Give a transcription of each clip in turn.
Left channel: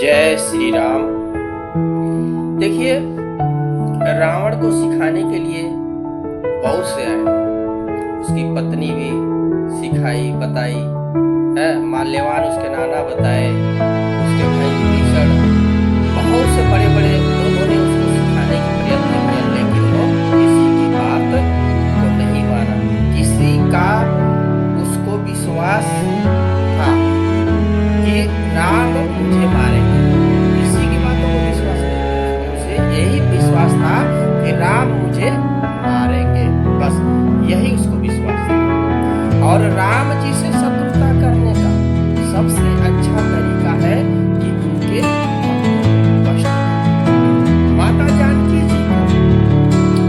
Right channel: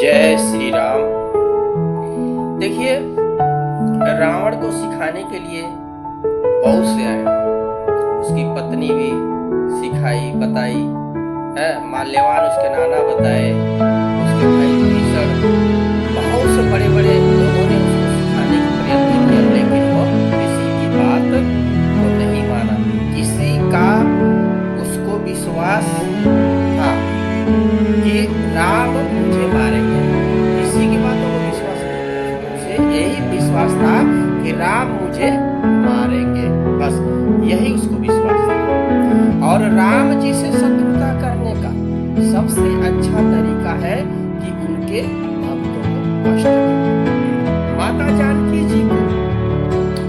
जय श्री राम। देखिए, रावण को सिखाने के लिए बहुत से आए। उसकी पत्नी भी सिखाई बताई है, माल्यवान उसके नाना बताए, उसके भाई विभीषण, बहुत से बड़े बड़े लोगों ने उसको सिखाने की प्रयत्न किया, लेकिन वो किसी की बात को नहीं माना। किसी का उसको विश्वास था कि राम मुझे मारेंगे, किसी की बातों को विश्वास नहीं, उसे यही विश्वास था कि राम मुझे मारेंगे, बस यही उसको विश्वास था। और राम जी से शत्रुता करने का सबसे अच्छा तरीका है कि उनके भक्तों को कष्ट देना। माता जानकी जी को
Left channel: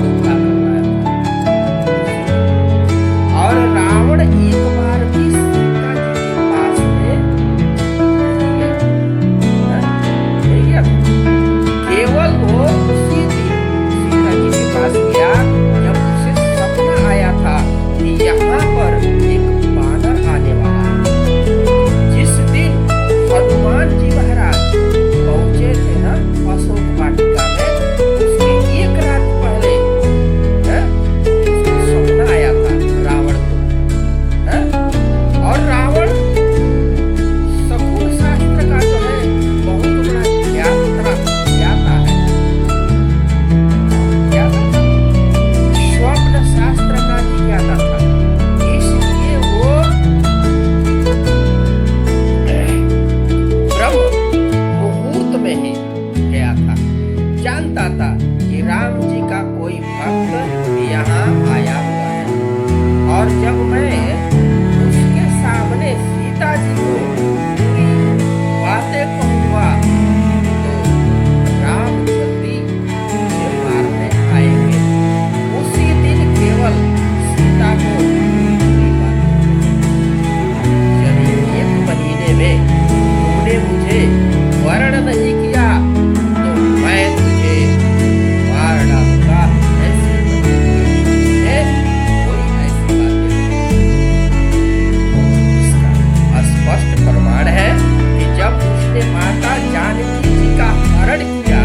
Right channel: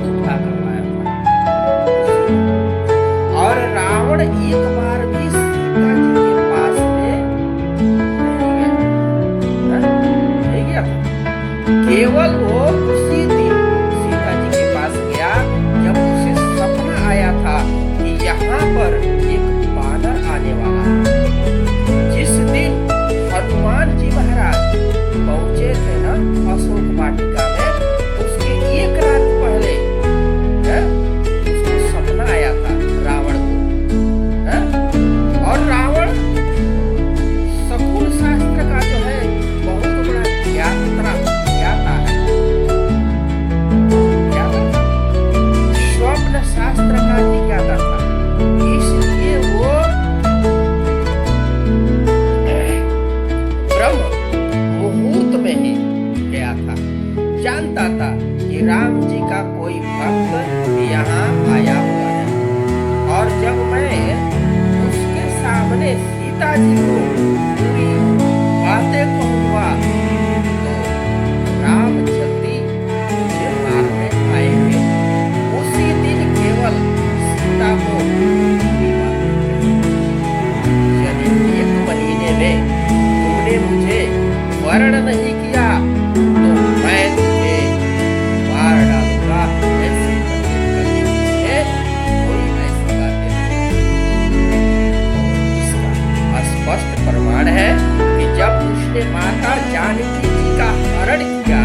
उठा कर लाया था, और रावण एक बार भी सीता जी के पास में नहीं गया था। केवल वो उसी दिन सीता जी के पास गया जब उसे सपना आया था कि यहाँ पर एक बानर आने वाला है। जिस दिन हनुमान जी महाराज पहुंचे थे ना अशोक वाटिका में, उसके एक रात पहले उसको सपना आया था रावण को। और रावण शकुन शास्त्र का जो है बहुत बड़ा ज्ञाता है, स्वप्न शास्त्र का ही ज्ञाता था। इसलिए वो ब्रह्म मुहूर्त में ही गया था, जानता था कि राम जी का कोई भक्त यहाँ आया हुआ है। और जब मैं उसके सामने सीता जी को पूरी बातें कहूँगा तो राम जल्दी मुझे मारने आएंगे। उसी दिन केवल सीता को पूरी बातें कही। यदि 1 महीने में तुमने मुझे वर्ण नहीं किया तो मैं तुझे मार डालूंगा। ऐसी कभी कोई ऐसी बातें नहीं। और इसका स्पष्ट प्रमाण है कि जब उसने माता जानकी जी का हरण किया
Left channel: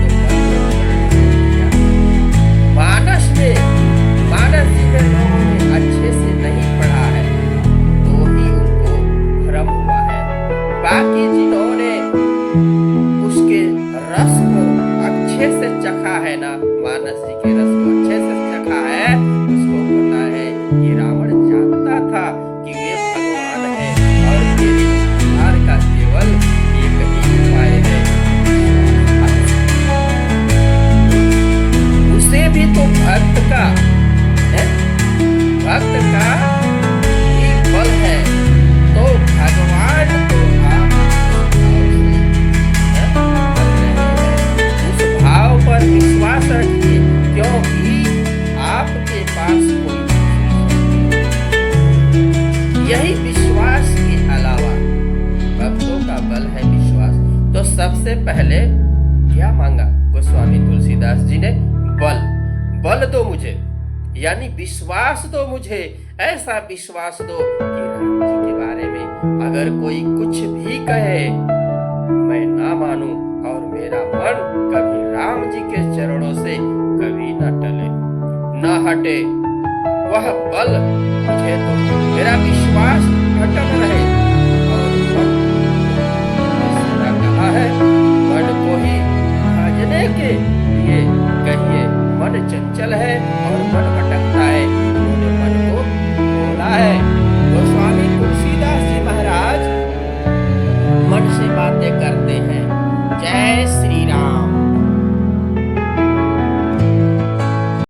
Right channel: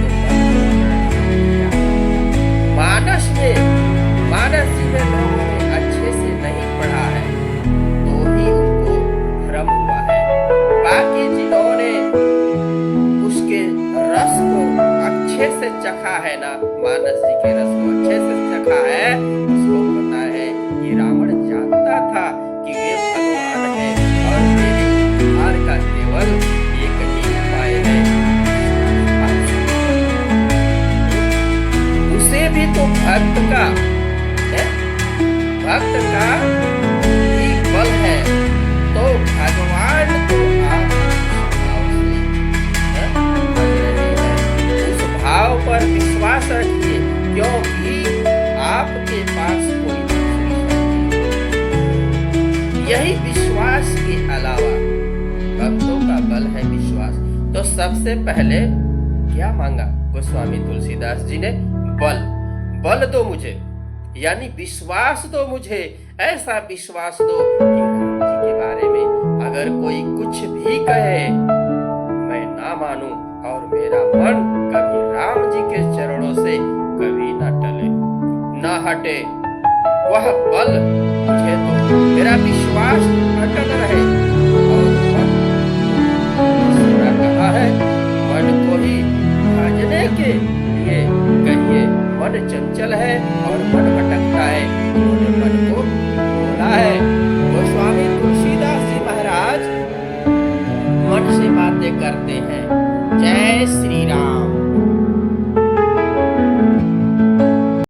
तो मन में परिणाम किया था। मानस जी में लोगों ने अच्छे से नहीं पढ़ा है तो ही उनको भ्रम हुआ है। बाकी जिन्होंने उसके रस को अच्छे से चखा है ना, मानस जी के रस को अच्छे से चखा है, उसको पता है कि रावण जानता था कि वे भगवान है और मेरे उद्धार का केवल एक ही उपाय है, विश्वास। उसे भी तो भक्त का ही बल है, तो भगवान को आप भाव से बज रहे हैं। उस भाव पर विश्वास रखिए, क्योंकि आपके पास कोई दूसरी शक्ति नहीं। यही विश्वास के अलावा भक्तों का बल है विश्वास। तो सबसे पहले क्या मांगा गोस्वामी तुलसीदास जी ने? बल दो मुझे, यानी विश्वास दो मुझे। ऐसा विश्वास दो कि राम जी के बारे में अगर कोई कुछ भी कहे मैं ना मानूं, और मेरा मन कभी राम जी के चरणों से कभी न टले न हटे। वह बल मुझे तो मेरा विश्वास अटल रहे। और मन सीधा कहा है, मन को ही भजने के लिए कहिए। मन चंचल है और मन भटकता है, उन्होंने मन को बोला है। गोस्वामी तुलसीदास जी महाराज मन से बातें करते हैं। जय श्री राम।